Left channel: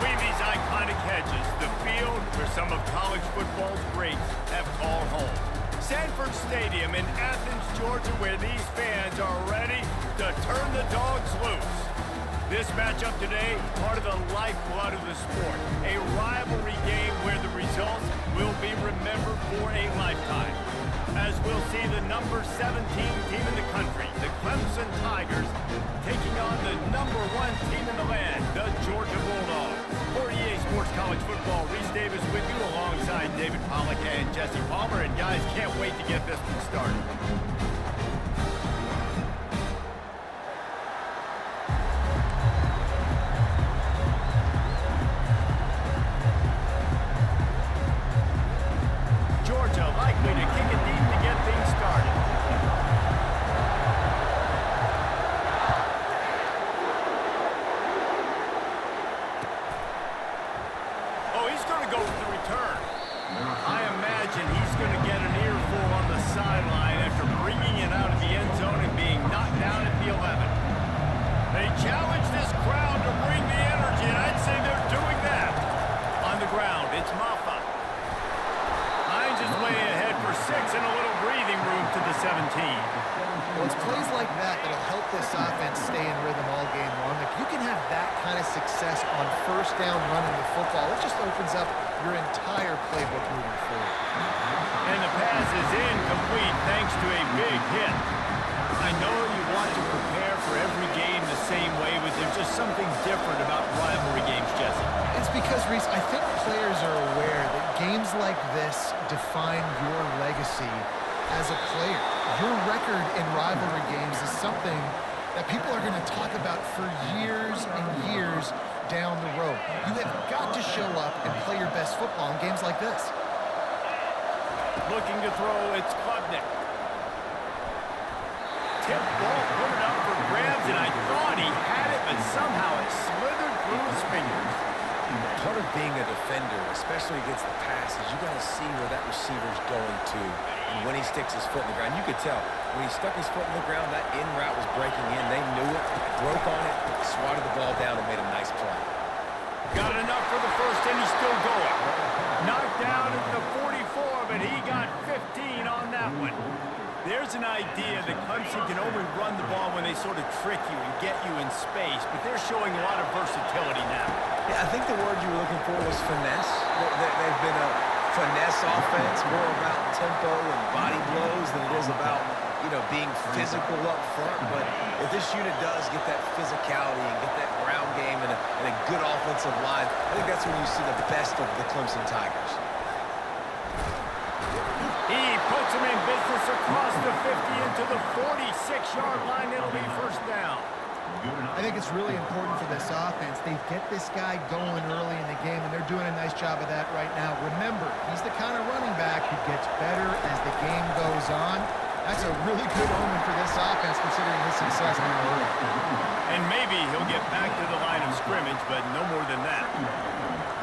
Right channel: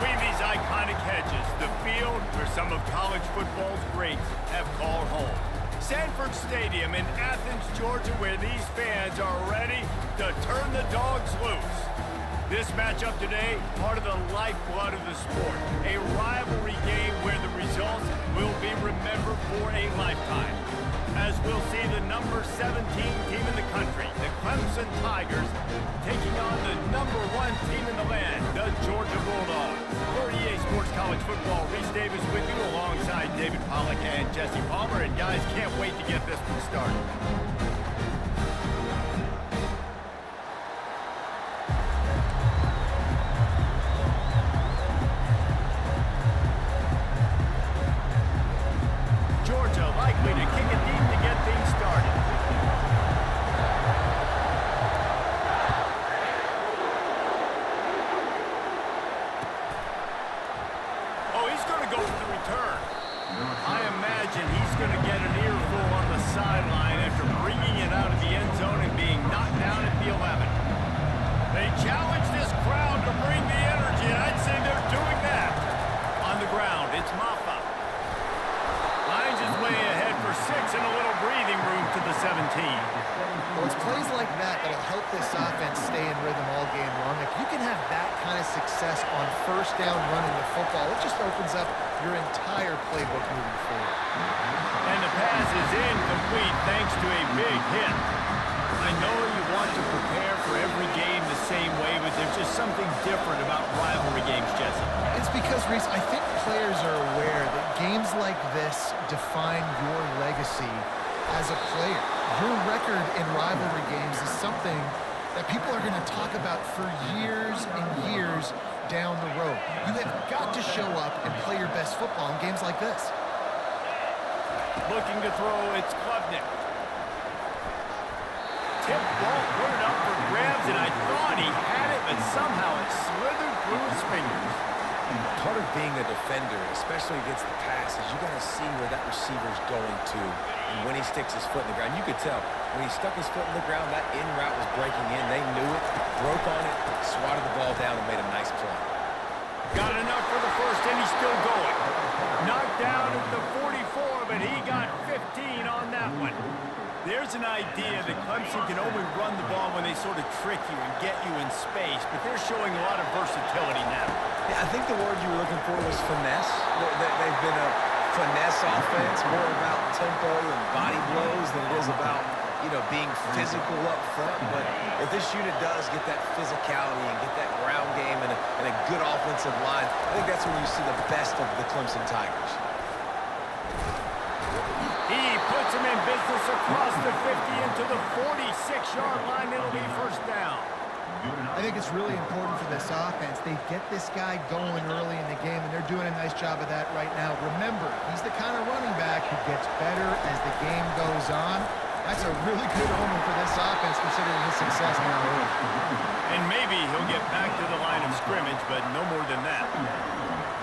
Between these iconic hedges, the field where some of college football's greats have called home. Sanford Stadium in Athens, Georgia, where these fans are ready to turn the dogs loose. This matchup today, part of the lifeblood of the sport. A rivalry game where the results will be remembered for a lifetime. As we'll see the number 17 team in the country, the Clemson Tigers, taking on the number 1 team in the land, the Georgia Bulldogs. For EA Sports College Football, Reese Davis with you alongside David Pollack and Jesse Palmer. And guys, can't wait to get this one started. Georgia likely to kick it deep to get things started. Oh, he's going to go for the return. I imagine he's going to get an earful on the sideline after bringing it out of the end zone and being knocked down at the 11. They challenge this crowd to bring the energy, and I'd say they're doing that. On the ground, it's Maffa. Finds his way ahead for 6 and a little breathing room to the 17. Well, it's plays like that that'll help this offense stay in rhythm all game long. If you can have that kind of success on first down running the football, it just opens up your entire playbook moving forward. And the pass is incomplete thanks to a big hit. I know you want to prepare for every game the same way, but there's just something different about rivalry games, Jesse. It's because, Reese, I think players are aware that games like this define your legacy as a player. Your record in rivalry games is something that people are going to talk about for years and years down the road. You have got to show up and play your best football in games like this. Looking to throw, it's Klubnik. Tip ball, put it up for grabs, and I thought he had it, but somehow it slithered through his fingers. Part of being a defender, especially against the pass, is you got to see where that receiver's going to. And when he sticks his foot in the ground, you could tell. When he stuck his foot in the ground, that in route was breaking in. They knew it, broke on it, swatted the ball down, and made a nice play. Got enough for the first, and he's still going. Knocked down at the 44, but he got 15 on that one. There's an idea that Clemson can only run the ball when they sort of trick you and get you in space, but they're showing a lot of versatility now. Yeah, I think the word you were looking for was finesse. They've been a finesse offense, more about tempo and body blows than it is about, being physical up front. But if this unit does get that physicality and get that ground game and a good offensive line, I think that's when you see the best of the Clemson Tigers. He puts him in business across the 50 into the 46-yard line. It'll be first down. I think it's really important for this offense. They get this guy going early in the game, and they're doing a nice job of that right now. Remember, he's the kind of running back who gets better as the game goes on. That's a really good omen for this offense, considering his success now early. And maybe he'll get back to the line of scrimmage, but no more than that.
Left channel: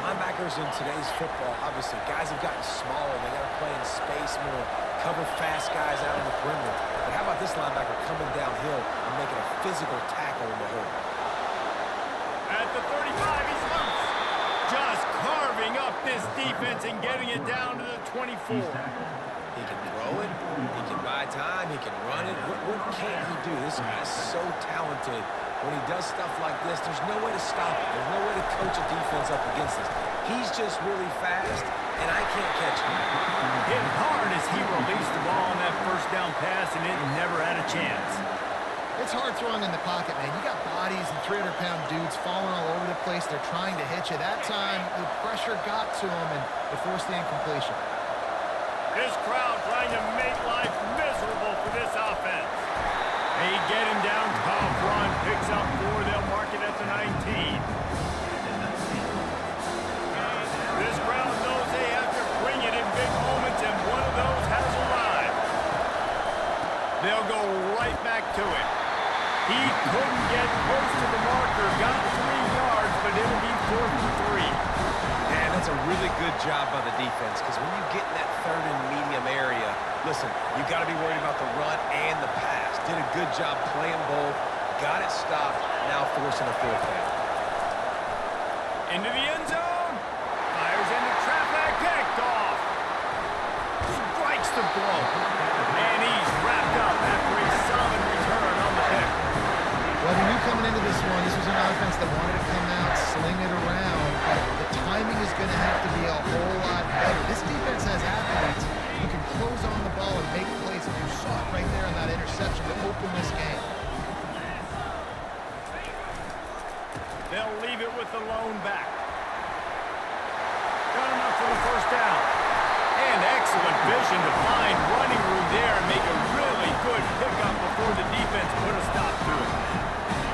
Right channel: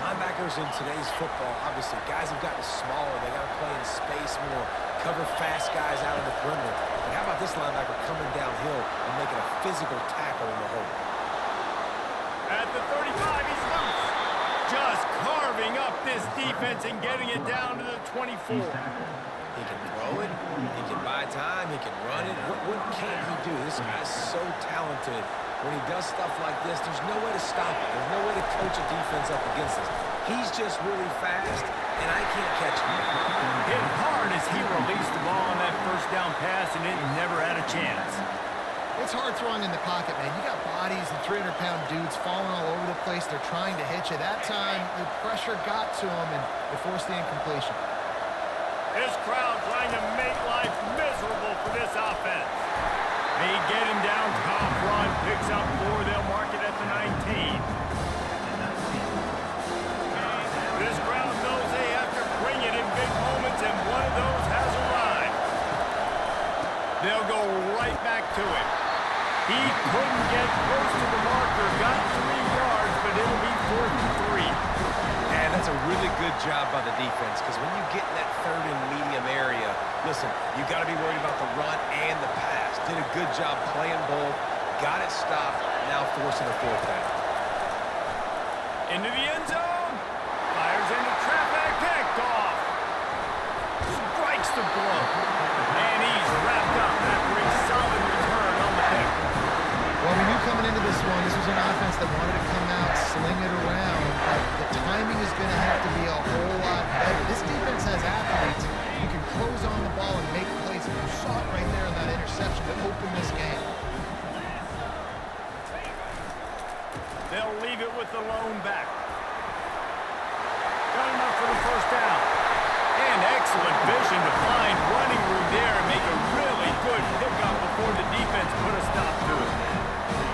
Linebackers in today's football, obviously, guys have gotten smaller. They got to play in space more, cover fast guys out on the perimeter. But how about this linebacker coming downhill and making a physical tackle in the hole? At the 35, he's loose. Just carving up this defense and getting it down to the 24. He can throw it, he can buy time, he can run it. What can't he do? This guy's so talented. When he does stuff like this, there's no way to stop it. There's no way to coach a defense up against this. He's just really fast, and I can't catch him. Hit hard as he released the ball on that first down pass, and it never had a chance. It's hard throwing in the pocket, man. You got bodies and 300-pound dudes falling all over the place. They're trying to hit you. That time, the pressure got to him, and it forced the incompletion. This crowd trying to make life miserable for this offense. They get him down, top run, picks up 4, they'll mark it at the 19. This crowd knows they have to bring it in big moments, and one of those has arrived. They'll go right back to it. He couldn't get close to the marker, got 3 yards, but it'll be 4th and 3. Man, that's a really good job by the defense, because when you get in that third and medium area, listen, you got to be worried about the run and the pass. Did a good job playing both, got it stopped, now forcing a 4th down. Into the end zone. Fires into traffic. Picked off. Strikes the blow. And he's wrapped up after a solid return on the pick. Well, we knew coming into this one, this was an offense that wanted to come out, sling it around, but the timing is going to have to be a whole lot better. This defense has athletes who can close on the ball and make plays. And you saw it right there in that interception to open this game. They'll leave it with the lone back. Got enough for the first down. And excellent vision to find running room there and make a really good pickup before the defense put a stop to it.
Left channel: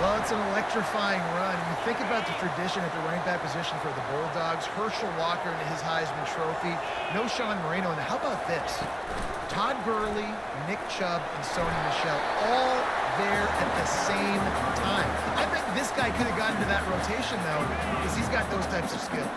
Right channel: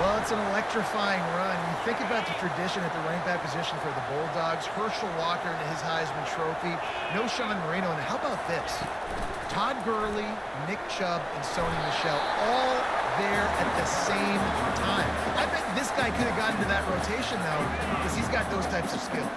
Well, it's an electrifying run. You think about the tradition at the running back position for the Bulldogs. Herschel Walker into his Heisman Trophy. No Sean Marino. And how about this? Todd Gurley, Nick Chubb, and Sony Michel all there at the same time. I bet this guy could have gotten to that rotation, though, because he's got those types of skills.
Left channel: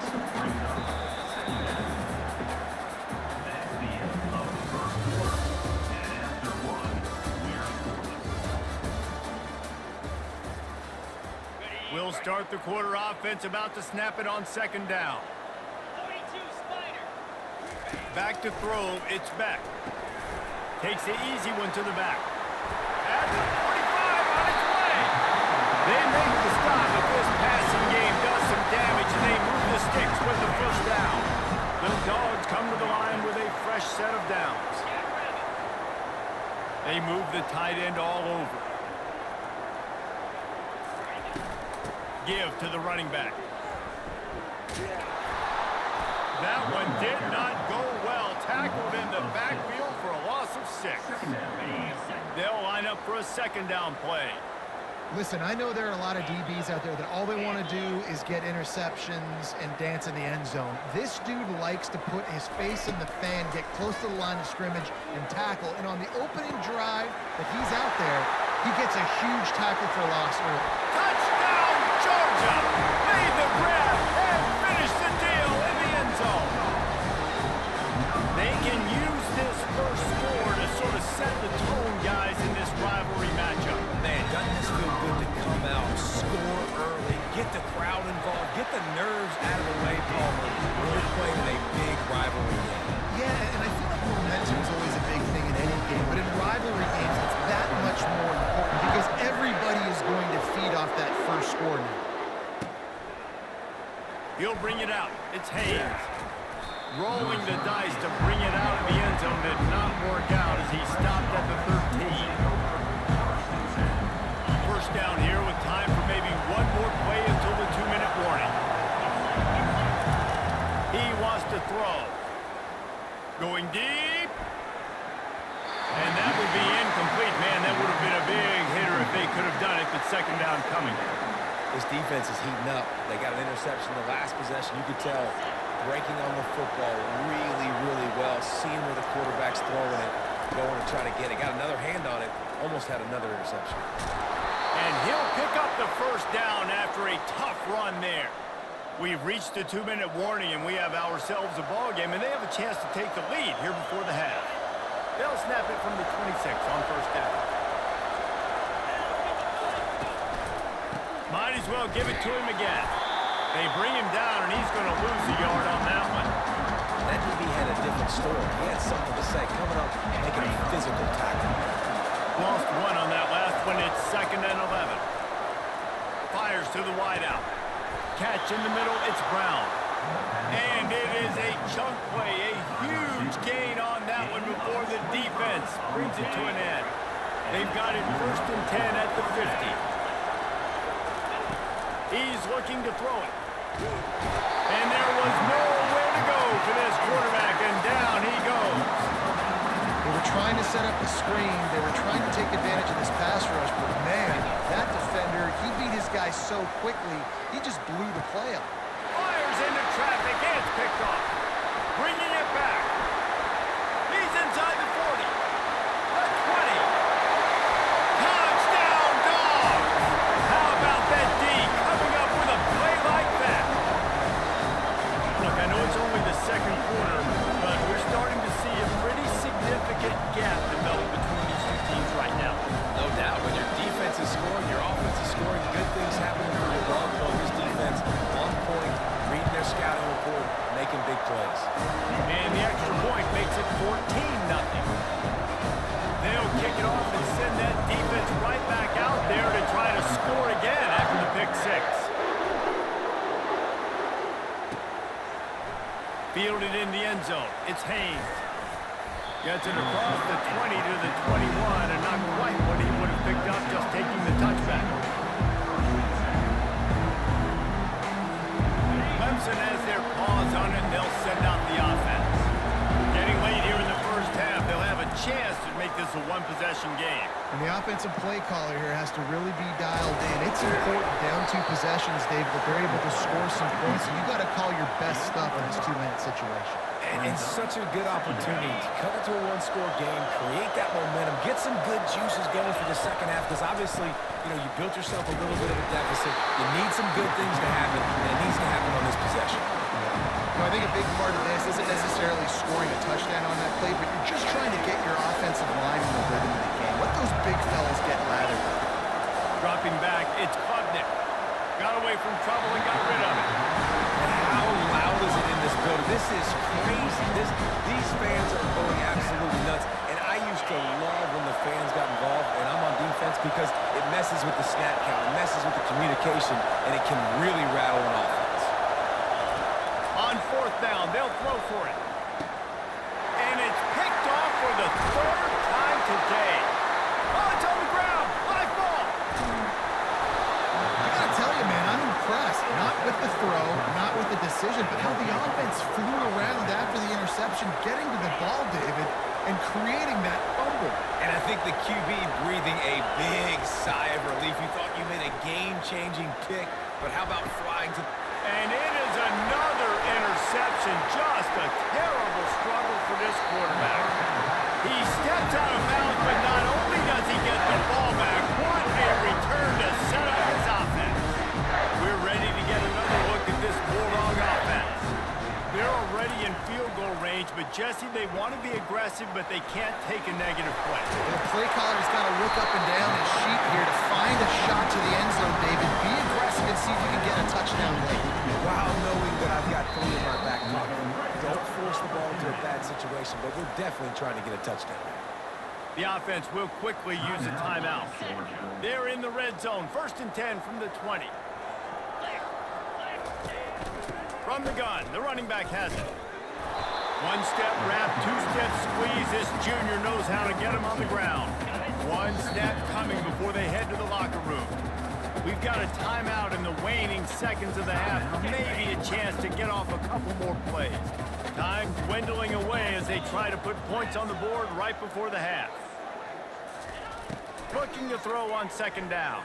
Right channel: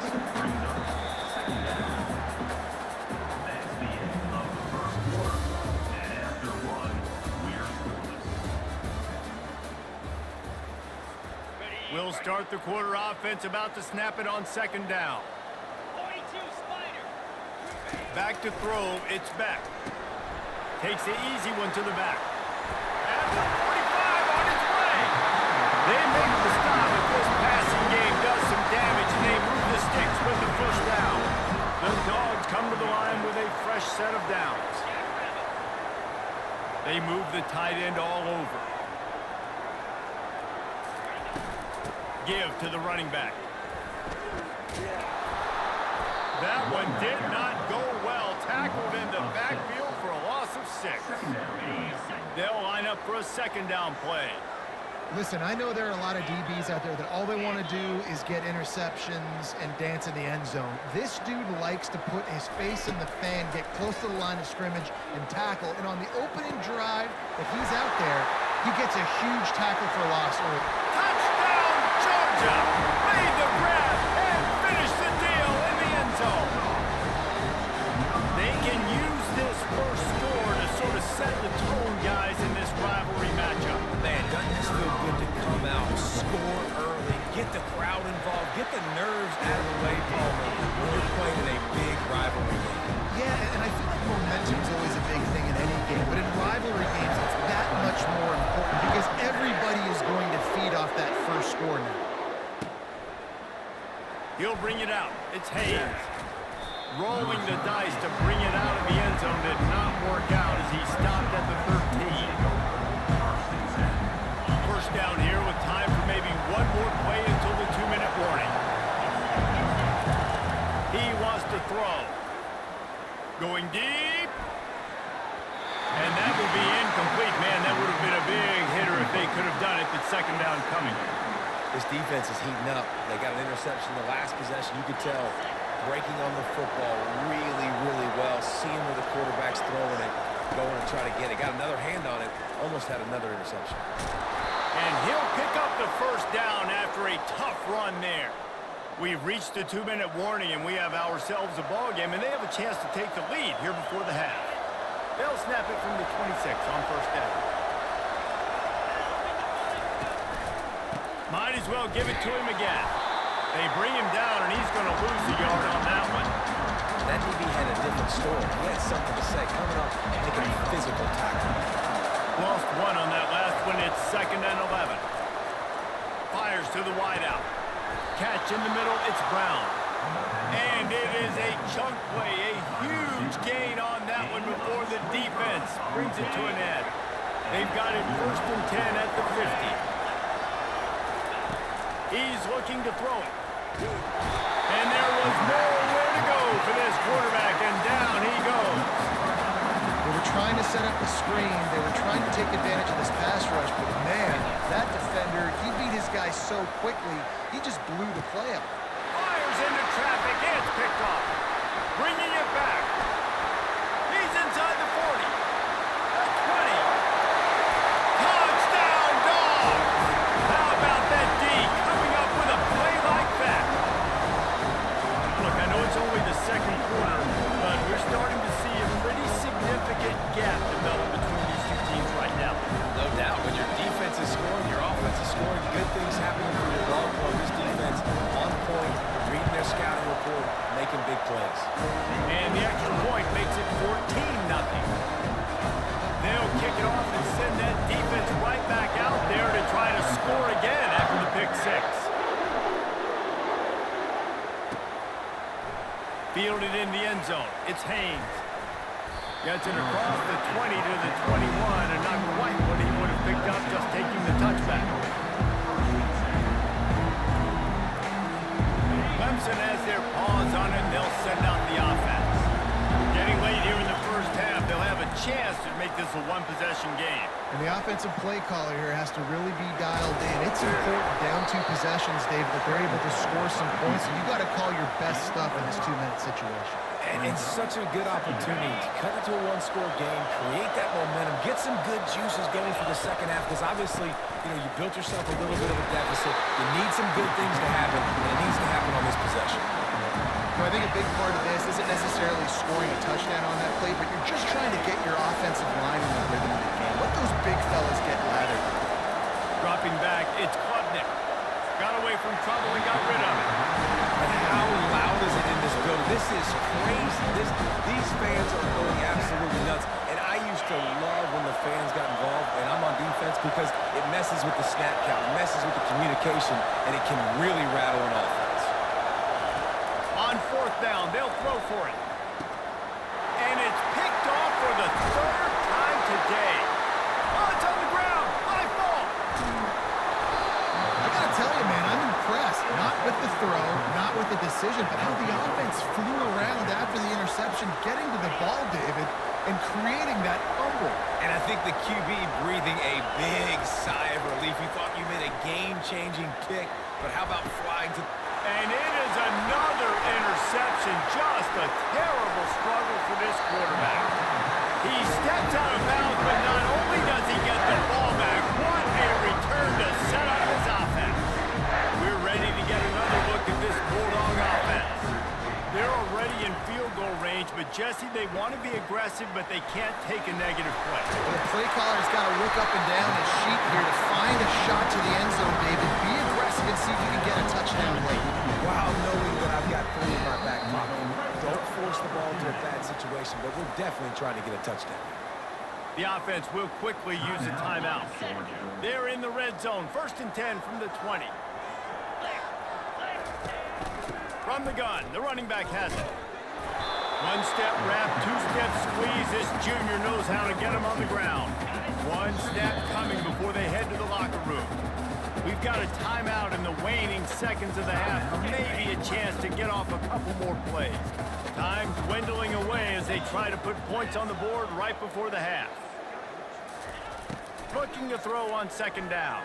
We'll start the quarter offense, about to snap it on second down. 42 Spider. Back to throw, it's back. Takes the easy one to the back. At the 45 on its way. They make the stop, but this passing game does some damage, and they move the sticks with the first down. The Dogs come to the line with a fresh set of downs. They move the tight end all over. Give to the running back. That one did not go well. Tackled in the backfield for a loss of 6. They'll line up for a second down play. Listen, I know there are a lot of DBs out there that all they want to do is get interceptions and dance in the end zone. This dude likes to put his face in the fan, get close to the line of scrimmage, and tackle. And on the opening drive that he's out there, he gets a huge tackle for loss early. Touchdown, Georgia! Made the grab and finished the deal in the end zone. They can use this first score to sort of set the tone, guys, in this rivalry matchup. Man, doesn't this feel good to come out, score early, get the crowd involved, get the nerves out of the way, Palmer, when you're playing in a big rivalry game. Yeah, and I feel like momentum is always a big thing in any game, but in rivalry games, it's that much more important because everybody is going to feed off that first score now. He'll bring it out. It's Hayes. Rolling the dice to bring it out of the end zone did not work out as he stopped at the 13. First down here with time for maybe one more play until the 2-minute warning. He wants to throw. Going deep. And that will be incomplete. Man, that would have been a big hitter if they could have done it. But second down coming. This defense is heating up. They got an interception the last possession. You could tell breaking on the football really, really well. Seeing where the quarterback's throwing it, going to try to get it. Got another hand on it. Almost had another interception. And he'll pick up the first down after a tough run there. We've reached the 2-minute warning, and we have ourselves a ball game, and they have a chance to take the lead here before the half. They'll snap it from the 26 on first down. Might as well give it to him again. They bring him down, and he's going to lose a yard on that one. That DB had a different story. He had something to say, coming up, making a physical tackle. Lost one on that last one. It's 2nd and 11. Fires to the wideout. Catch in the middle. It's Brown. And it is a chunk play. A huge gain on that one before the defense brings it to an end. They've got it 1st and 10 at the 50. He's looking to throw it. And there was nowhere to go for this quarterback, and down he goes. They were trying to set up a screen. They were trying to take advantage of this pass rush, but man, that defender, he beat his guy so quickly, he just blew the play up. Fires into traffic, and it's picked off. Bringing it back. He's inside the 40. The 20. Touchdown, Dogs! How about that D coming up with a play like that? Look, I know it's only the second quarter, but we're starting to see a pretty significant gap develop between these two teams right now. No doubt. When your defense is scoring, your offense is scoring good things happening for your ball club. This defense on point, reading their scouting report, making big plays. And the extra point makes it 14-0. They'll kick it off and send that defense right back out there to try to score again after the pick six. Fielded in the end zone. It's Haynes. Gets it across the 20 to the 21, and not quite what he would have picked up just taking the touchback. Clemson has their paws on it, and they'll send out the offense. Getting late here in the first half, they'll have a chance to make this a one-possession game. And the offensive play caller here has to really be dialed in. It's important down two possessions, David, that they're able to score some points. So you got to call your best stuff in this two-minute situation. And it's such a good opportunity to cut into a one-score game, create that momentum, get some good juices going for the second half, because obviously, you built yourself a little bit of a deficit. You need some good things to happen, and it needs to happen on this possession. I think a big part of this isn't necessarily scoring a touchdown on that play, but you're just trying to get your offensive line in the rhythm of the game. Let those big fellas get lathered. Dropping back, it's Klubnik. Got away from trouble and got rid of it. And how loud is it in this building? This is crazy. These fans are going absolutely nuts. And I used to love when the fans got involved, and I'm on defense, because it messes with the snap count, it messes with the communication, and it can really rattle an offense. On fourth down, they'll throw for it. And it's picked off for the third time today. Oh, it's on the ground. High ball. I got to tell you, man, I'm impressed. Not with the throw, not with the decision, but how the offense flew around after the interception, getting to the ball, David, and creating that fumble. And I think the QB breathing a big sigh of relief. You thought you made a game-changing pick, but how about flying to... And it is another interception. Just a terrible struggle for this quarterback. He steps out of bounds, but not only does he get the ball back, what a return to set up his offense. We're ready to get another look at this Bulldog offense. They're already in field goal range, but Jesse, they want to be aggressive, but they can't take a negative play. Well, the play caller's got to look up and down his sheet here to find a shot to the end zone, David. Be aggressive and see if you can get a touchdown late. While knowing that I've got 3 in my back pocket, don't force the ball into a bad situation, but we're definitely trying to get a touchdown. The offense will quickly use a timeout. They're in the red zone, 1st and 10 from the 20. From the gun, the running back has it. One-step wrap, two-step squeeze. This junior knows how to get him on the ground. One snap coming before they head to the locker room. We've got a timeout in the waning seconds of the half. Maybe a chance to get off a couple more plays. Time dwindling away as they try to put points on the board right before the half. Looking to throw on 2nd down.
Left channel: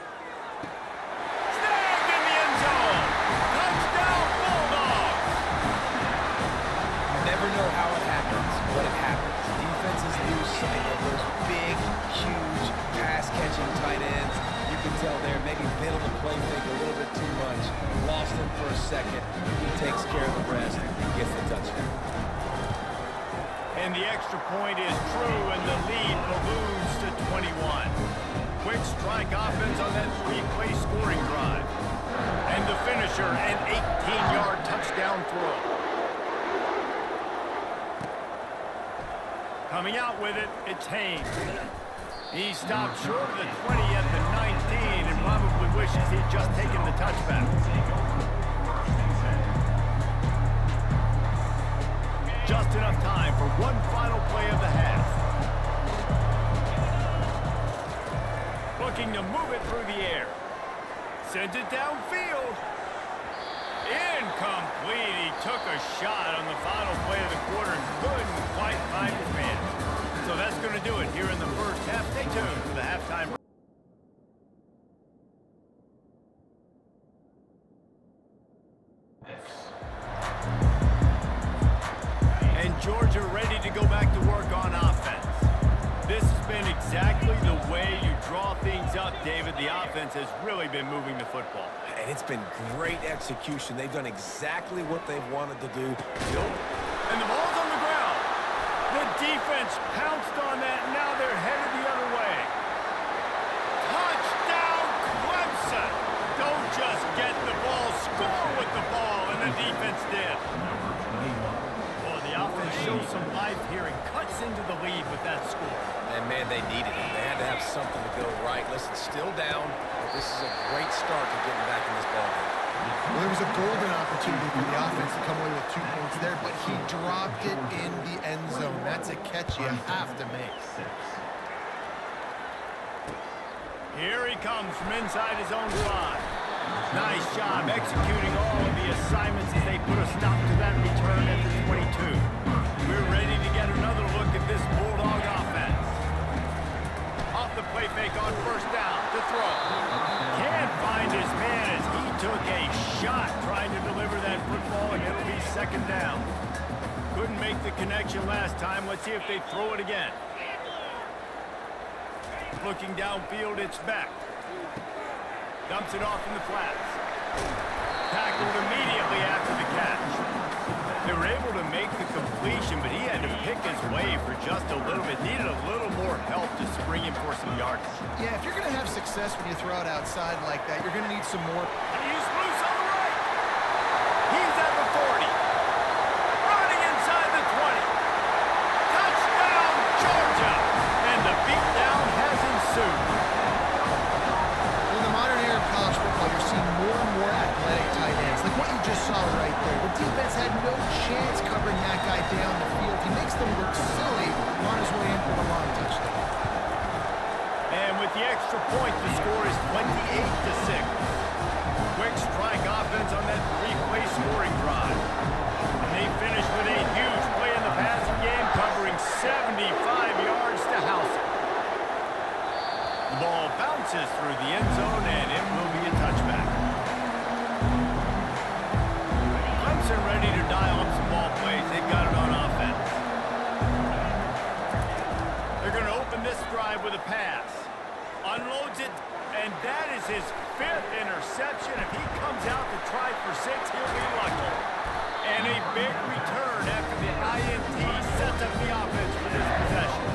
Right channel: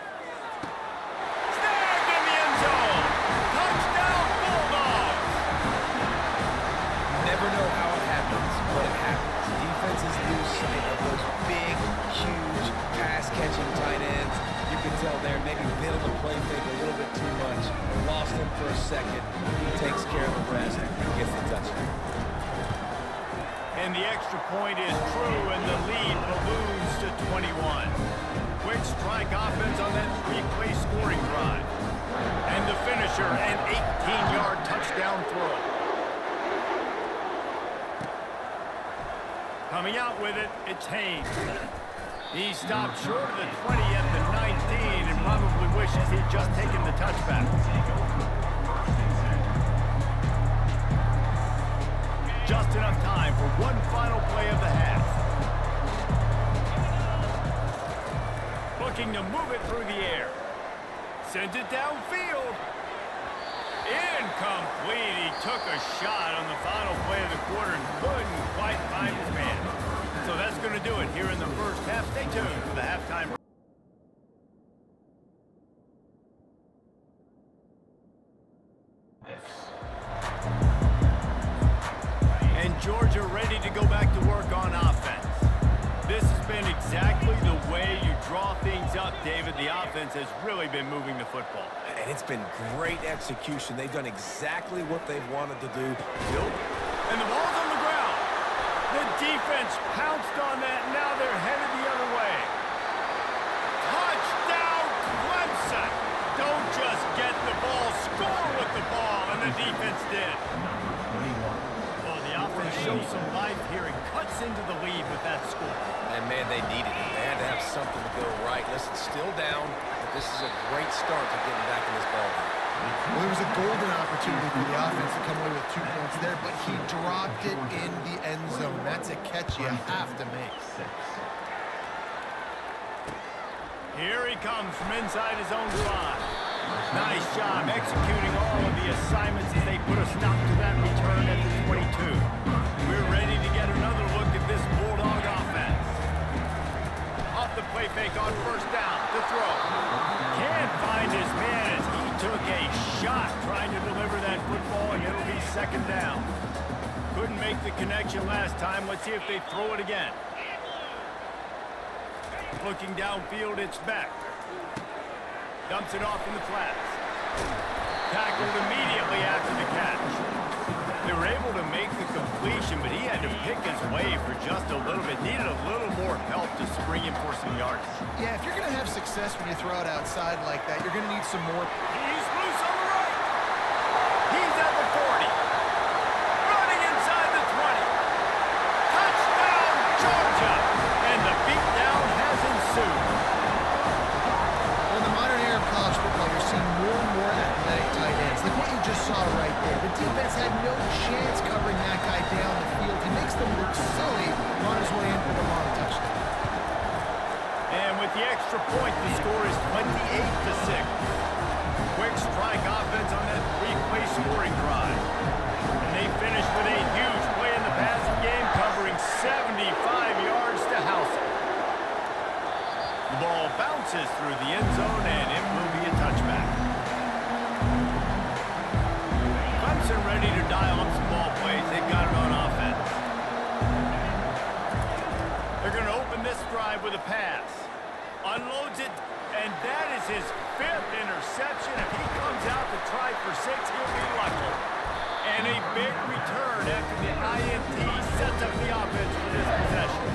Snagged in the end zone. Touchdown, Bulldogs! Never know how it happens, but it happens. Defenses lose sight of those big, huge, pass-catching tight ends. You can tell there, maybe bit on the play fake a little bit too much. Lost him for a second. He takes care of the rest and gets the touchdown. And the extra point is true, and the lead balloons to 21. Quick strike offense on that 3-play scoring drive. And the finisher, an 18-yard touchdown throw. Coming out with it, it's Haynes. He stopped short of the 20 at the 19 and probably wishes he'd just taken the touchback. Just enough time for one final play of the half. Looking to move it through the air. Sends it downfield. Incomplete. He took a shot on the final play of the quarter and couldn't quite find his man. So that's going to do it here in the first half. Stay tuned for the halftime. And Georgia ready to go back to work on offense. This has been exactly the way you draw things up, David. The offense has really been moving the football. And it's been great execution. They've done exactly what they've wanted to do. And the ball's on the ground. The defense pounced on that. Now they're headed the other way. Touchdown, Clemson! just get the ball, score with the ball, and the defense did. Well, the offense shows some life here and cuts into the lead with that score. And, man, they needed it. They had to have something to go right. Listen, still down, but this is a great start to getting back in this ballgame. Well, there was a golden opportunity for the offense to come away with 2 points there, but he dropped it in the end zone. That's a catch you have to make. Here he comes from inside his own 5. Nice job executing all of the assignments as they put a stop to that return at the 22. We're ready to get another look at this Bulldog offense. Off the play fake on first down to throw. Can't find his man as he took a shot trying to deliver that football, and it'll be second down. Couldn't make the connection last time. Let's see if they throw it again. Looking downfield, it's back. Dumps it off in the flats. Tackled immediately after the catch. They were able to make the completion, but he had to pick his way for just a little bit. Needed a little more help to spring him for some yardage. Yeah, if you're going to have success when you throw it outside like that, you're going to need some more. He's loose on the right. He's at the 40. Running inside the 20. Touchdown, Georgia! And the beatdown has ensued. Well, in the modern era of college football, you're seeing more and more athletic tight ends, like what you just saw right there. The defense had no chance covering that guy down the field. He makes them look silly on his way in for the long touchdown. And with the extra point, the score is 28-6. Quick strike offense on that 3-play scoring drive. And they finish with a huge play in the passing game, covering 75 yards to house it. The ball bounces through the end zone, and it will be a touchback. Clemson ready to dial up some ball plays. They've got it on offense. They're going to open this drive with a pass. Unloads it, and that is his 5th interception. If he comes out to try for 6, he'll be lucky. And a big return after the INT sets up the offense for this possession.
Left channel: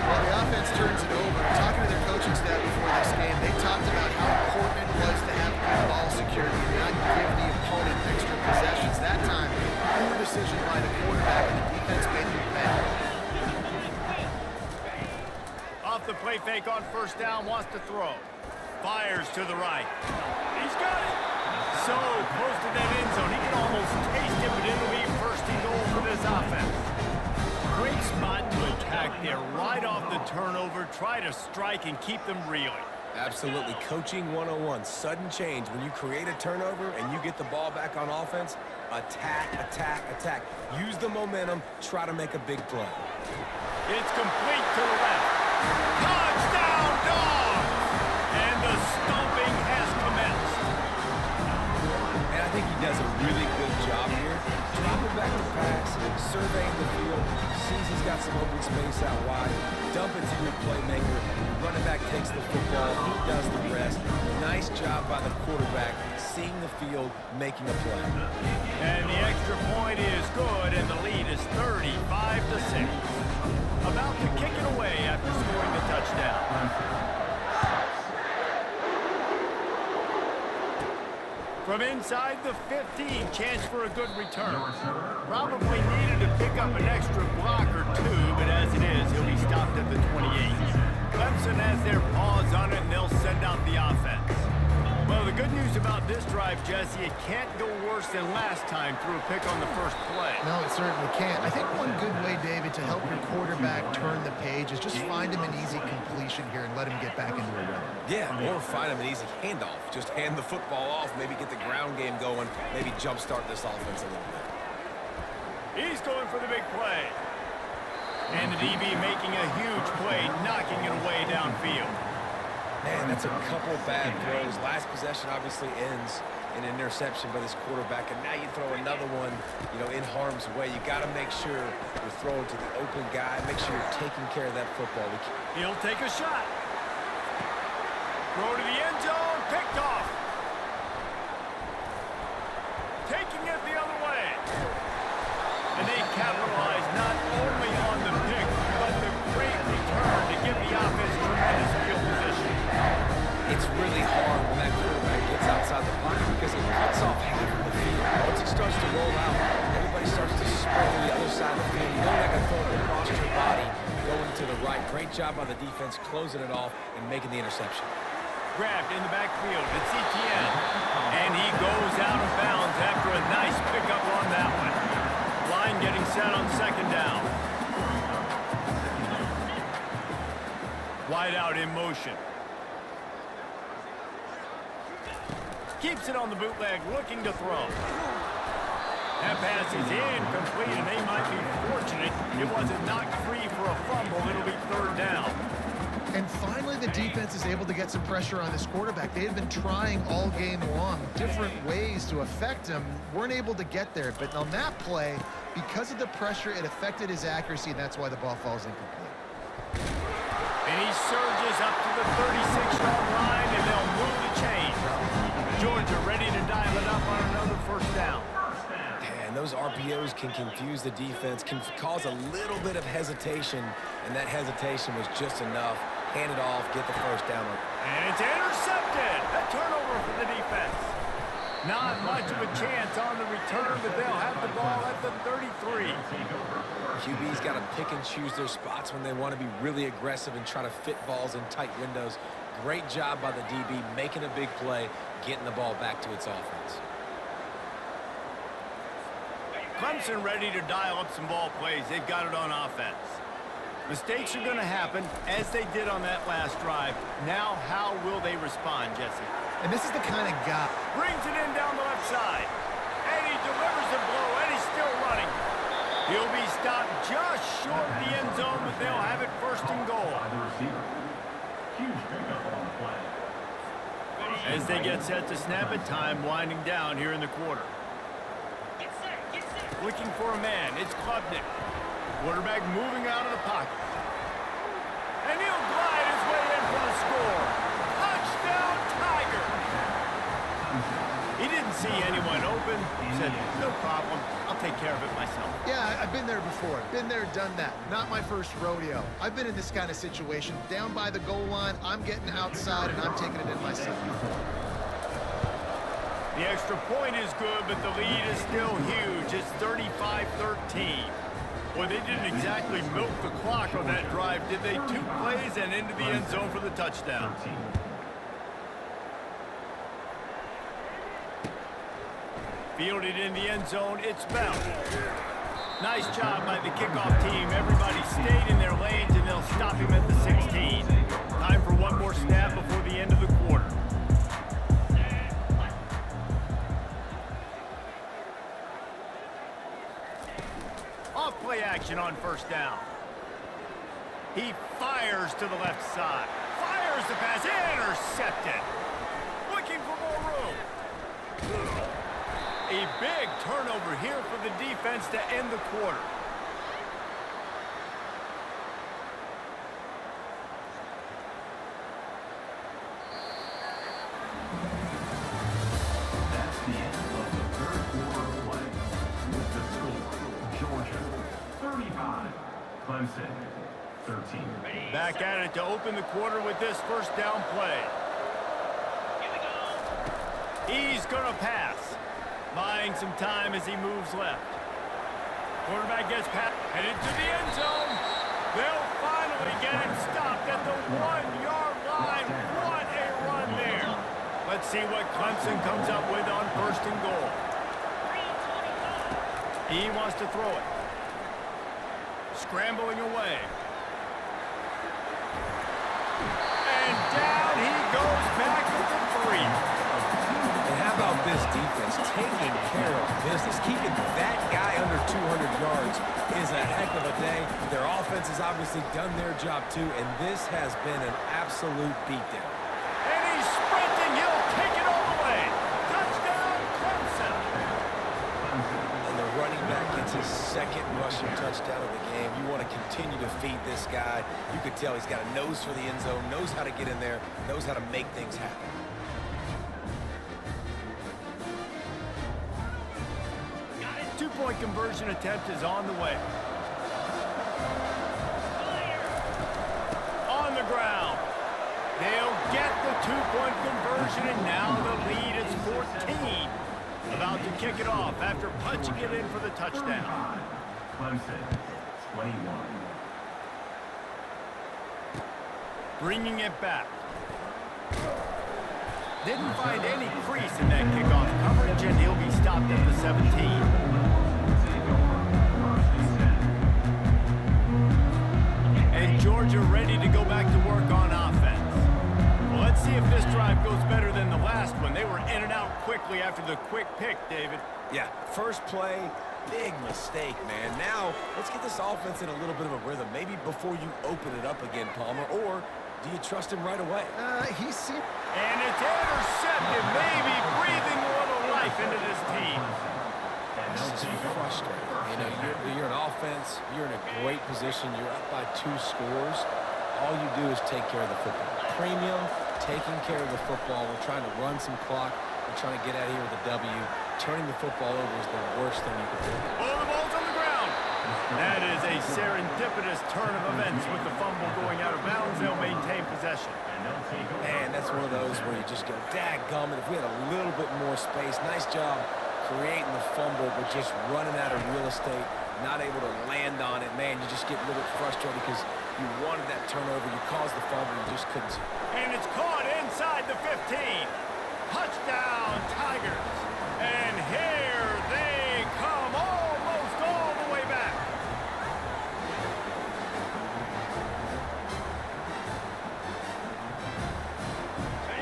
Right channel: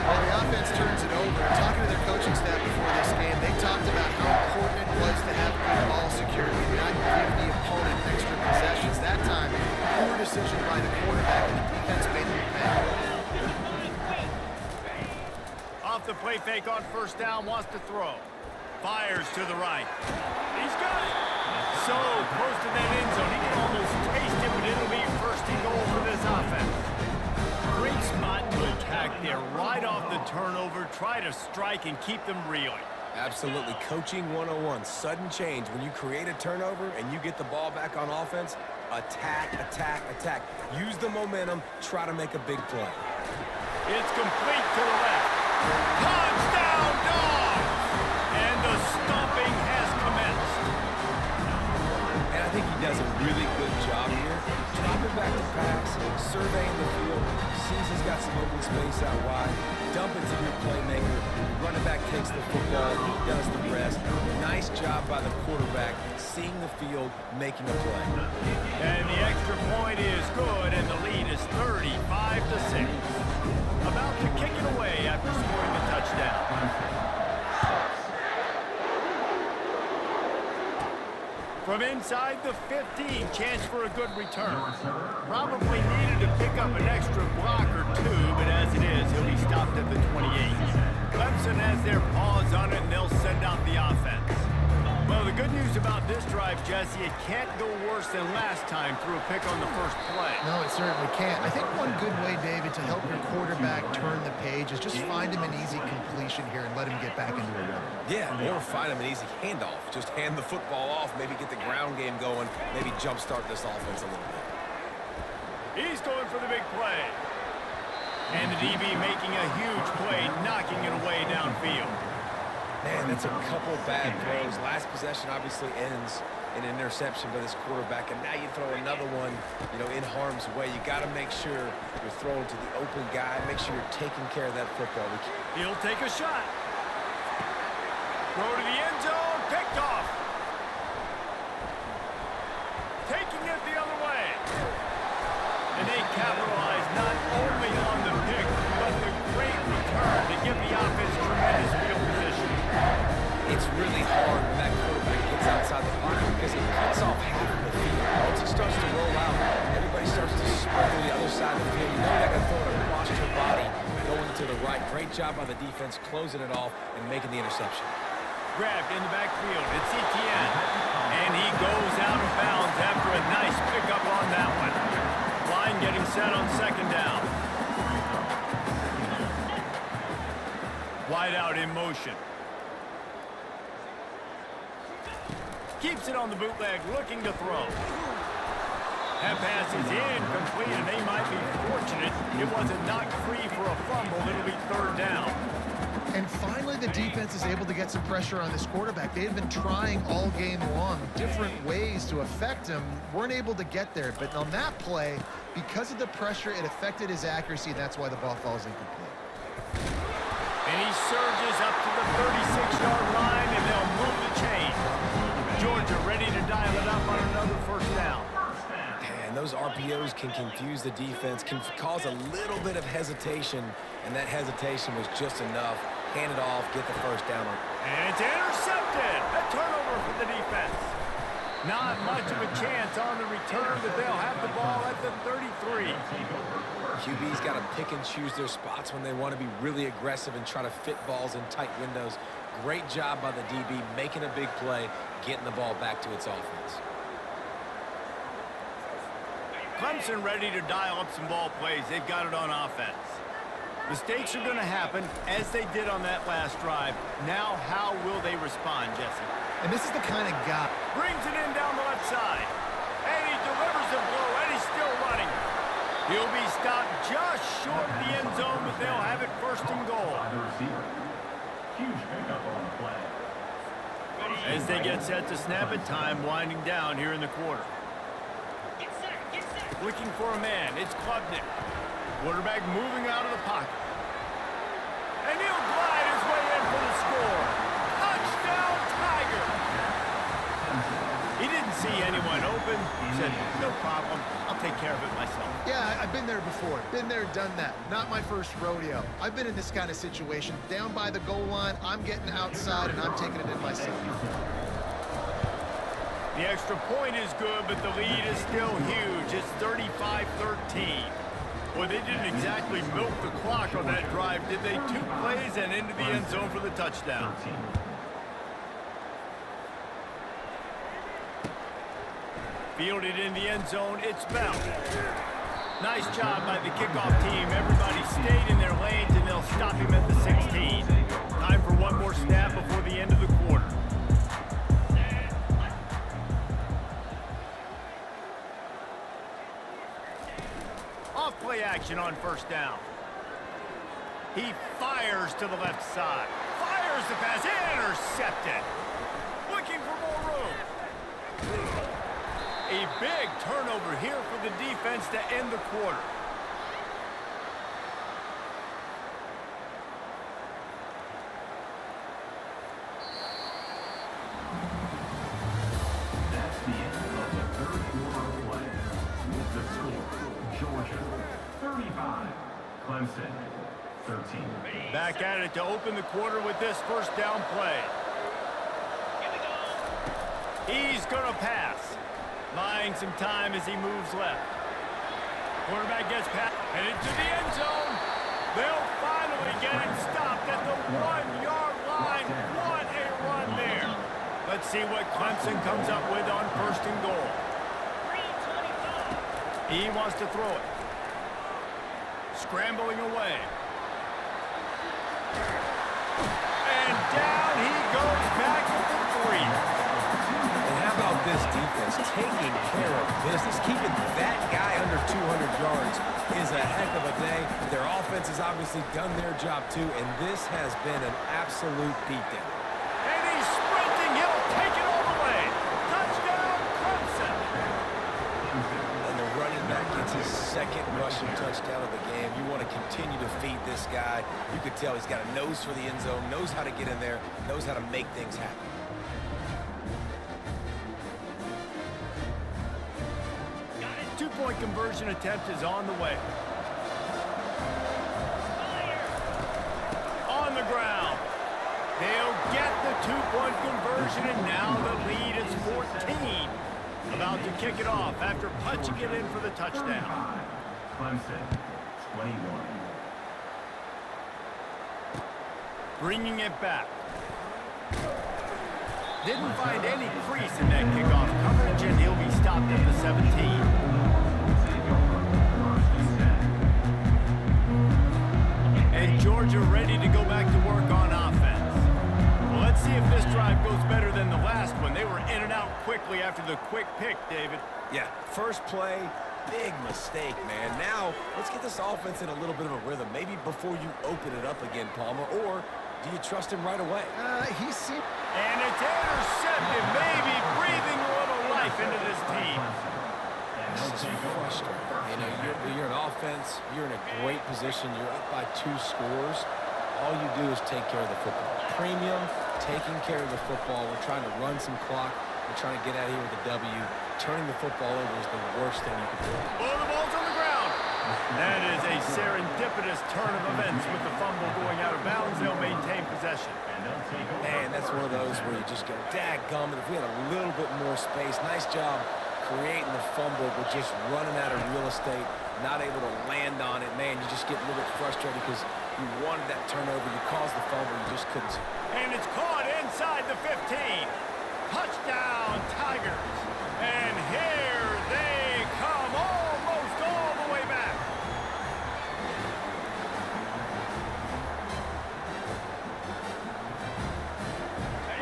Well, the offense turns it over. And talking to their coaching staff before this game, they talked about how important it was to have good ball security and not give the opponent extra possessions. That time, poor decision by the quarterback, and the defense made them pay. Off the play fake on first down, wants to throw. Fires to the right. He's got it. So close to that end zone. He can almost taste it, but it'll be first and goal for this offense. Great spot to attack there. Right off the turnover. Try to strike and keep them reeling. Absolutely. Coaching 101. Sudden change. When you create a turnover and you get the ball back on offense, attack, attack, attack. Use the momentum. Try to make a big play. It's complete to the left. Touchdown, Dogs! And the stomping has commenced. And I think he does a really good job here. Dropping back to pass, surveying the field, sees he's got some open space out wide, dump it to your playmaker, the running back takes the football, he does the rest. Nice job by the quarterback, seeing the field, making a play. And the extra point is good, and the lead is 35-6. About to kick it away after scoring the touchdown. From inside the 15, chance for a good return. Probably needed to pick up an extra block or 2, but as it is, he'll be stopped at the 28. Clemson has their paws on it, and they'll send out the offense. Well, the good news about this drive, Jesse, it can't go worse than last time through a pick on the first play. No, it certainly can't. I think one good way, David, to help your quarterback turn the page is just find him an easy completion here and let him get back into a rhythm. Yeah, or find him an easy handoff. Just hand the football off, maybe get the ground game going, maybe jumpstart this offense a little bit. He's going for the big play. And the DB making a huge play, knocking it away downfield. Man, that's a couple bad throws. Last possession obviously ends in an interception by this quarterback, and now you throw another one, in harm's way. You got to make sure you're throwing to the open guy. Make sure you're taking care of that football. He'll take a shot. Throw to the end zone, picked off. Taking it the other way. And they capitalize not only on the pick, but the great return to give the offense tremendous field position. It's really hard when that quarterback gets outside because it cuts off half of the field. Once it starts to roll out, everybody starts to spread to the other side of the field. You know you're not going to throw it across your body going to the right. Great job by the defense closing it off and making the interception. Grabbed in the backfield. It's Etienne. And he goes out of bounds after a nice pickup on that one. Line getting set on second down. Wide out in motion. Keeps it on the bootleg, looking to throw. That pass is incomplete, and they might be fortunate it wasn't knocked free for a fumble. It'll be third down. And finally, the defense is able to get some pressure on this quarterback. They've been trying all game long different ways to affect him. Weren't able to get there, but on that play, because of the pressure, it affected his accuracy, and that's why the ball falls incomplete. And he surges up to the 36-yard line, and they'll move the chain. Georgia ready to dial it up on another first down. And those RPOs can confuse the defense, can cause a little bit of hesitation, and that hesitation was just enough. Hand it off, get the first down. And it's intercepted. A turnover for the defense. Not much of a chance on the return, but they'll have the ball at the 33. QB's got to pick and choose their spots when they want to be really aggressive and try to fit balls in tight windows. Great job by the DB making a big play, getting the ball back to its offense. Clemson ready to dial up some ball plays. They've got it on offense. Mistakes are going to happen, as they did on that last drive. Now, how will they respond, Jesse? And this is the kind of guy. Brings it in down the left side. And he delivers the blow, and he's still running. He'll be stopped just short of the end zone, but they'll have it first and goal. Huge pickup on the play. As they get set to snap it, time winding down here in the quarter. Get set, get set. Looking for a man, it's Klubnik. Quarterback moving out of the pocket. And he'll glide his way in for the score. Touchdown, Tiger! He didn't see anyone open. Said, no problem, I'll take care of it myself. Yeah, I've been there before. Been there, done that. Not my first rodeo. I've been in this kind of situation. Down by the goal line, I'm getting outside, and I'm taking it in myself. The extra point is good, but the lead is still huge. It's 35-13. Boy, they didn't exactly milk the clock on that drive, did they? 2 plays and into the end zone for the touchdown. Fielded in the end zone, it's Bell. Nice job by the kickoff team. Everybody stayed in their lanes, and they'll stop him at the 16. Time for one more snap before the end of the quarter. Off-play action on first down. He fires to the left side. Fires the pass, intercepted. Looking for more room. A big turnover here for the defense to end the quarter. That's the end of the third quarter of play. With the score, Georgia 35, Clemson 13. Back at it to open the quarter with this first down play. Here we go. He's going to pass. Buying some time as he moves left. Quarterback gets past and into the end zone. They'll finally get him stopped at the 1-yard line. What a run there. Let's see what Clemson comes up with on first and goal. 3:25. He wants to throw it. Scrambling away. And down he goes back at the 3. And how about this defense taking care of business? Keeping that guy under 200 yards is a heck of a day. Their offense has obviously done their job too, and this has been an absolute beatdown. And he's sprinting. He'll take it all the way. Touchdown, Clemson. And the running back gets his second rushing touchdown of the game. You want to continue to feed this guy. You could tell he's got a nose for the end zone, knows how to get in there, knows how to make things happen. Got it. 2-point conversion attempt is on the way. On the ground. They'll get the two-point conversion, and now the lead is 14. About to kick it off after punching it in for the touchdown. Clemson, 21. Bringing it back. Didn't find any crease in that kickoff coverage, and he'll be stopped at the 17. And Georgia ready to go back to work on offense. Well, let's see if this drive goes better than the last one. They were in and out quickly after the quick pick, David. Yeah, first play, big mistake, man. Now, let's get this offense in a little bit of a rhythm. Maybe before you open it up again, Palmer, or do you trust him right away? He seemed... And it's intercepted, maybe breathing a little life into this team. This is frustrating. You know, you're an offense, you're in a great position, you're up by 2 scores. All you do is take care of the football. Premium, taking care of the football. We're trying to run some clock. We're trying to get out of here with a W. Turning the football over is the worst thing you could do. Oh, the ball's on the ground. That is a serendipitous turn of events with the fumble going out of bounds. They'll maintain possession. Man, that's one of those where you just go, dadgummit, if we had a little bit more space. Nice job creating the fumble, but just running out of real estate, not able to land on it. Man, you just get a little bit frustrated because you wanted that turnover. You caused the fumble. You just couldn't. And it's caught inside the 15. Touchdown, Tigers. And here they come, almost all the way back.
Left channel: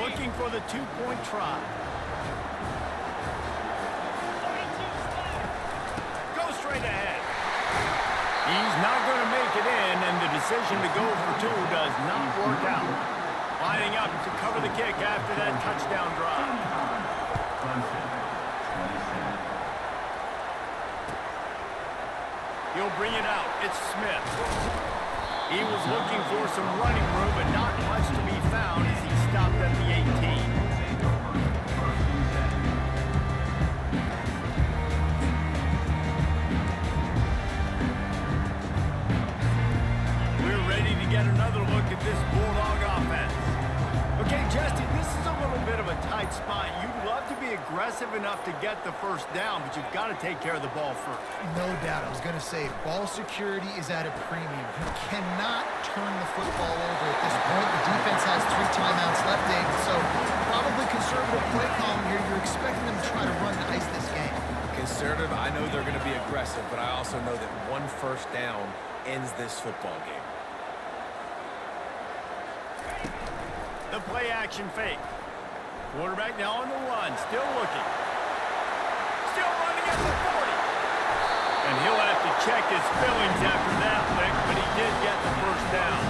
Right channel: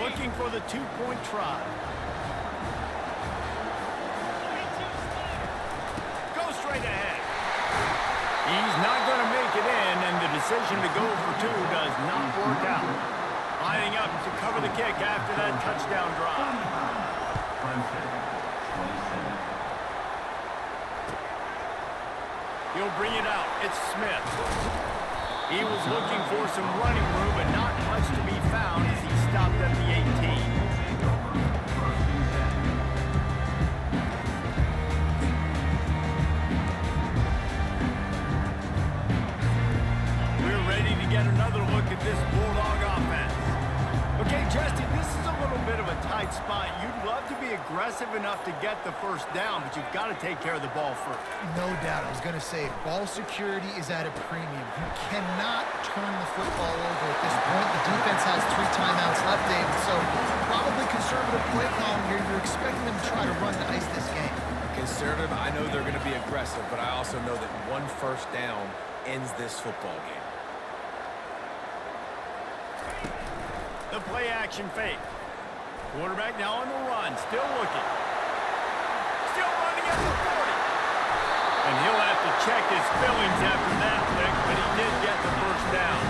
Looking for the two-point try. Go straight ahead. He's not going to make it in, and the decision to go for 2 does not work out. Lining up to cover the kick after that touchdown drive. Clemson, 27. He'll bring it out. It's Smith. He was looking for some running room, but not much to be found as he stopped at the 18. We're ready to get another look at this Bulldog offense. Okay, Jesse, this is a little bit of a tight spot. You'd love to be aggressive enough to get the first down, but you've got to take care of the ball first. No doubt. I was going to say, ball security is at a premium. You cannot turn the football over at this point. The defense has 3 timeouts left, David, so probably conservative play calling here. You're expecting them to try to run to ice this game. Conservative, I know they're going to be aggressive, but I also know that 1 first down ends this football game. The play action fake. Quarterback now on the run, still looking. Still running at the 40. And he'll have to check his fillings after that lick, but he did get the first down.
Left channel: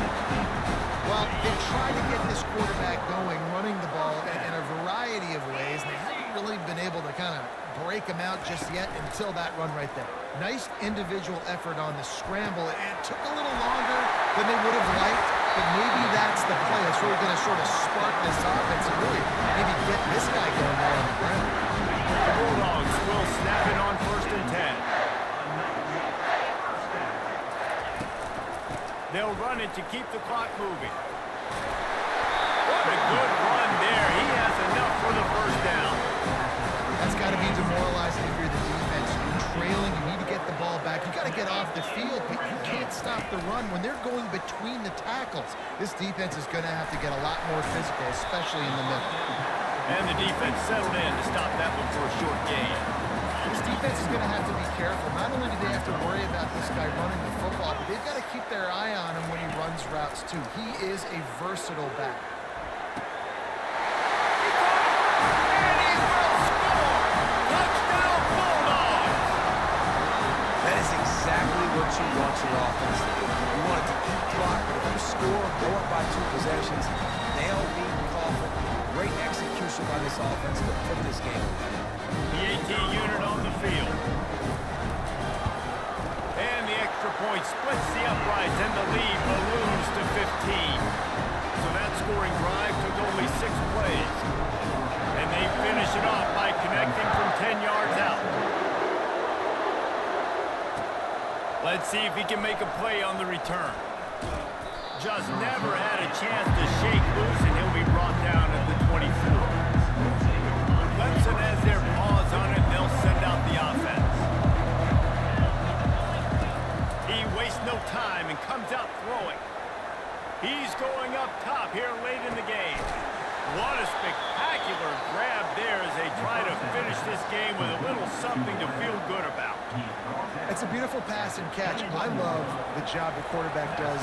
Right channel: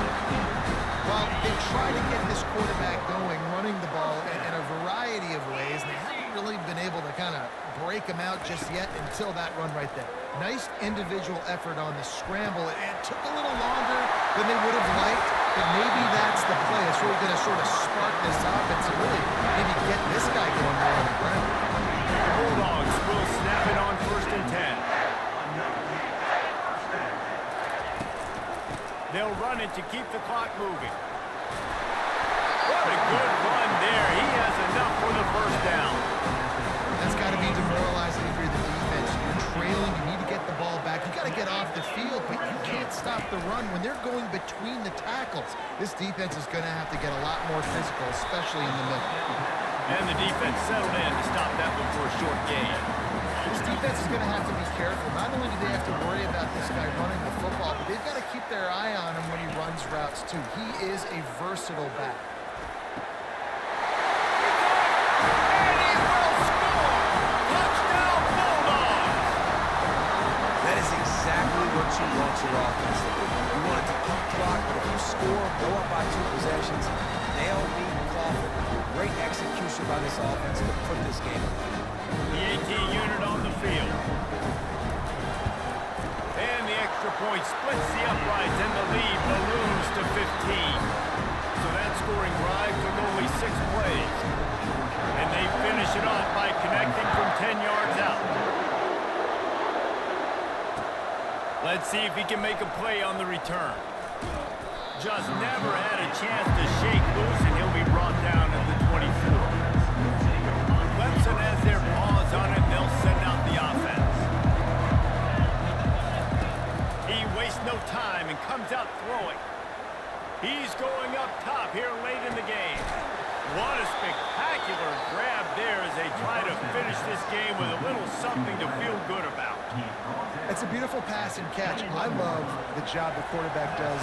Well, they try to get this quarterback going, running the ball in a variety of ways, and they haven't really been able to kind of break him out just yet until that run right there. Nice individual effort on the scramble. It took a little longer than they would have liked, but maybe that's the play that's really going to sort of spark this offense and really maybe get this guy going more on the ground. The Bulldogs will snap it on 1st and 10. They'll run it to keep the clock moving. What a good run there. He has enough for the first down. That's got to be demoralizing if you're the defense. You're trailing. You need to get the ball back. You got to get off the field, but you can't stop the run when they're going between the tackles. This defense is going to have to get a lot more physical, especially in the middle. And the defense settled in to stop that one for a short gain. This defense is going to have to be careful. Not only do they have to worry about this guy running the football, but they've got to keep their eye on him when he runs routes, too. He is a versatile back. He caught it, and he will score! Touchdown, Bulldogs! That is exactly what you want your offense to do. You want it to eat clock, but if you score, go up by 2 possessions, nail, meet, and coffin. Great execution by this offense to put this game away. The 18 unit on the field. And the extra point splits the uprights, and the lead balloons to 15. So that scoring drive took only 6 plays. And they finish it off by connecting from 10 yards out. Let's see if he can make a play on the return. Just never had a chance to shake loose, and he'll be brought down at the 24. Clemson has their paws on it, and they'll send out the offense. He wastes no time and comes out throwing. He's going up top here late in the game. What a spectacular grab there as they try to finish this game with a little something to feel good about. It's a beautiful pass and catch. I love the job the quarterback does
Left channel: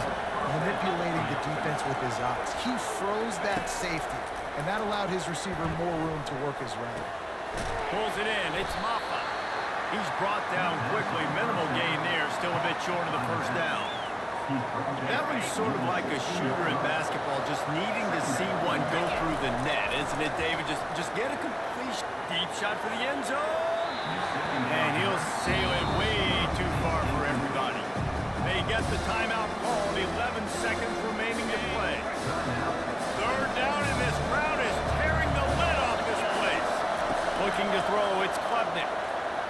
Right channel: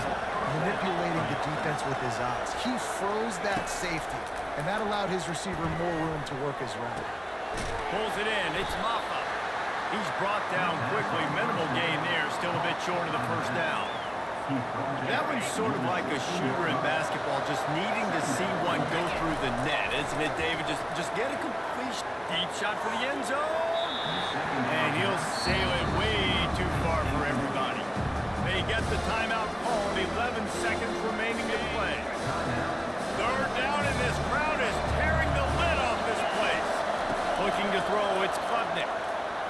manipulating the defense with his eyes. He froze that safety, and that allowed his receiver more room to work his route. Pulls it in. It's Maffa. He's brought down quickly. Minimal gain there. Still a bit short of the first down. That one's sort of like a shooter in basketball, just needing to see one go through the net, isn't it, David? Just get a completion. Deep shot for the end zone. And he'll sail it way too far for everybody. They get the timeout called. 11 seconds remaining to play. Third down, and this crowd is tearing the lid off this place. Looking to throw, it's Klubnik.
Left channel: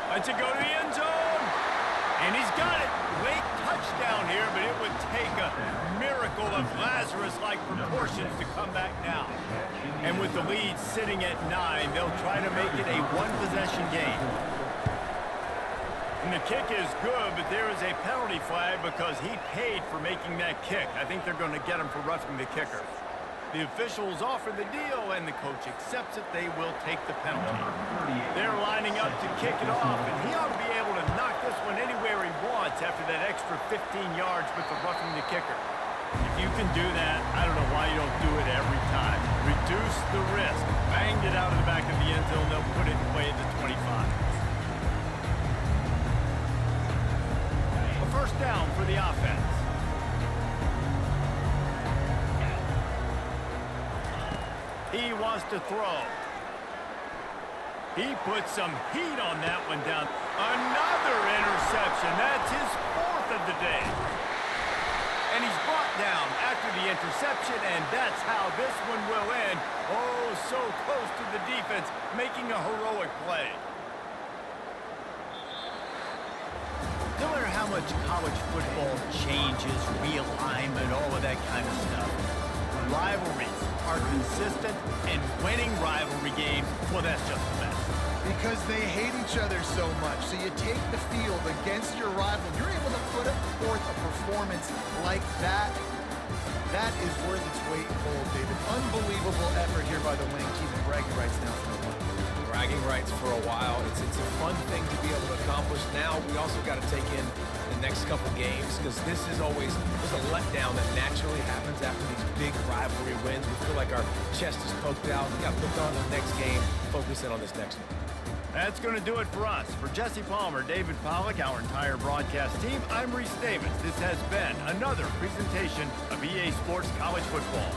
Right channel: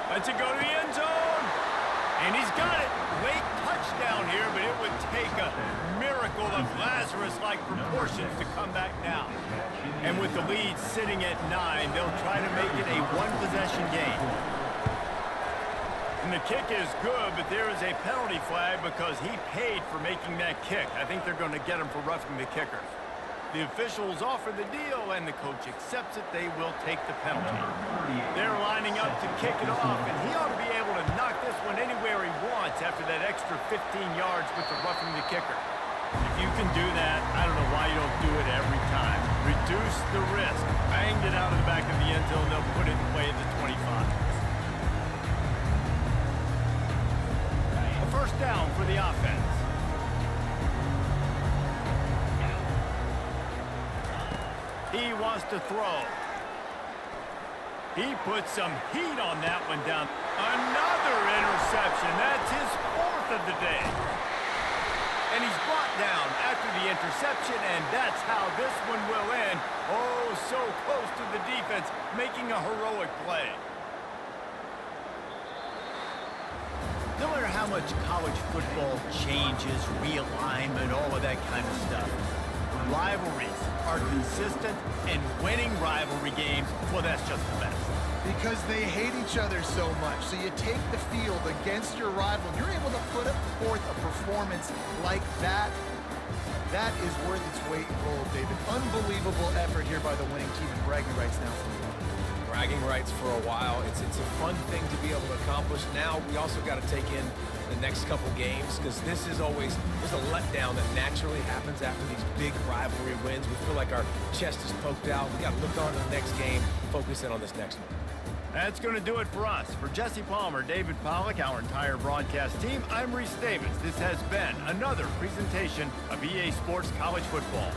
Lets it go to the end zone. And he's got it. Late touchdown here, but it would take a miracle of Lazarus-like proportions to come back now. And with the lead sitting at 9, they'll try to make it a one-possession game. And the kick is good, but there is a penalty flag because he paid for making that kick. I think they're going to get him for roughing the kicker. The officials offer the deal, and the coach accepts it. They will take the penalty. They're lining up to kick it off, and he ought to be able to knock this one anywhere he wants after that extra 15 yards with the roughing the kicker. If you can do that, I don't know why you don't do it every time. Reduce the risk. Banged it out of the back of the end zone. They'll put it in play at the 25. A first down for the offense. He wants to throw. He put some heat on that one down. Another interception. That's his 4th of the day. And he's brought down after the interception, and that's how this one will end. Oh, so close to the defense, making a heroic play. No matter how much college football changes, realignment, all of that kind of stuff, rivalries are consistent, and winning rivalry games, well, that's just the best. Because they hate each other so much. So you take the field against your rival. You're able to put forth a performance like that. That is worth its weight in gold, David. Unbelievable effort here by the winning team, and bragging rights now for the win. Bragging rights for a while. It's a fun thing to be able to accomplish. Now we also got to take in the next couple games, because this is always, there's a letdown that naturally happens after these big rivalry wins. We feel like our chest is poked out. We got to look on to the next game, focus in on this next one. That's going to do it for us. For Jesse Palmer, David Pollack, our entire broadcast team, I'm Reese Davis. This has been another presentation of EA Sports College Football.